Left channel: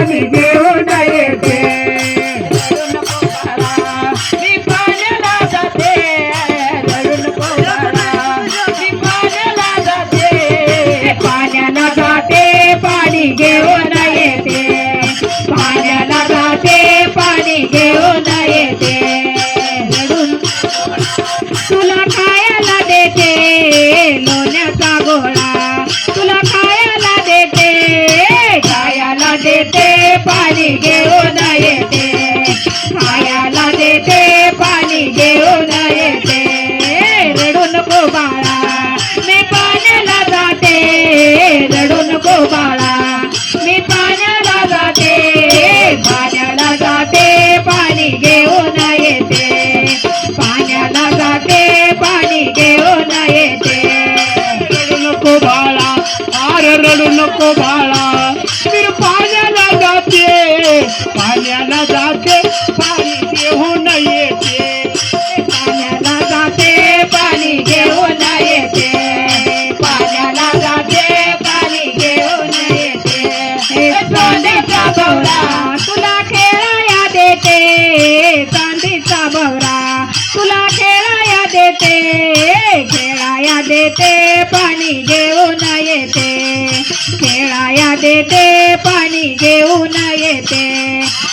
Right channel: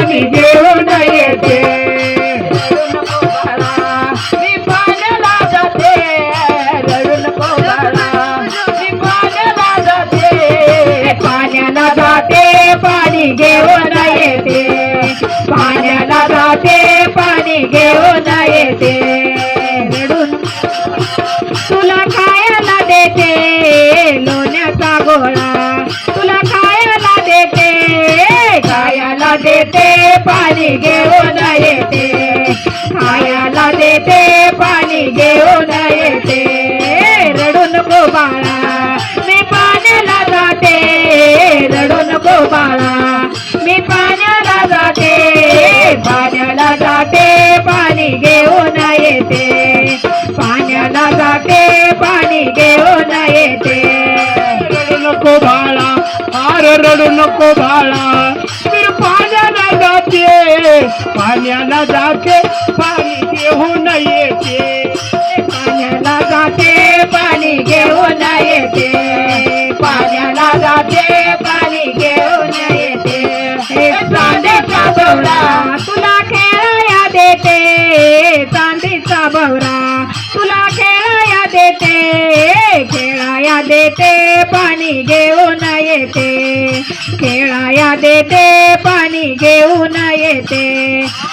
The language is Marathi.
पाणी घेऊन येते. मी पाण्याला जाते. रडू नको बाळा. मी पाण्याला जाते. पाण्याला जाते पाणी घेऊन येते. पाण्याला जाते पाणी घेऊन येते. रडून तुला खायला देते? लोण्याचा गोळा. देते पाणी घेऊन येते. खायला देते पाणी घेऊन येते. रडू नको बाळा मी पाण्याला जाते. रडू नको बाळा मी पाण्याला जाते. पाण्याला जाते पाणी घेऊन येते. पाण्याला जाते पाणी घेऊन येते. रडू नको बाळा आर रडू नको बाळा. पाण्याला जाते पाणी घेऊन येते. पाण्याला जाते पाणी घेऊन येते. पाण्याला जाते पाणी घेऊन येते. चांदीचा बवरा तुला खेळाया देते. चांदीचा बवरा तुला खेळाया देते. खेळाया देते पाणी घेऊन येते. खेळाया देते पाणी घेऊन येते.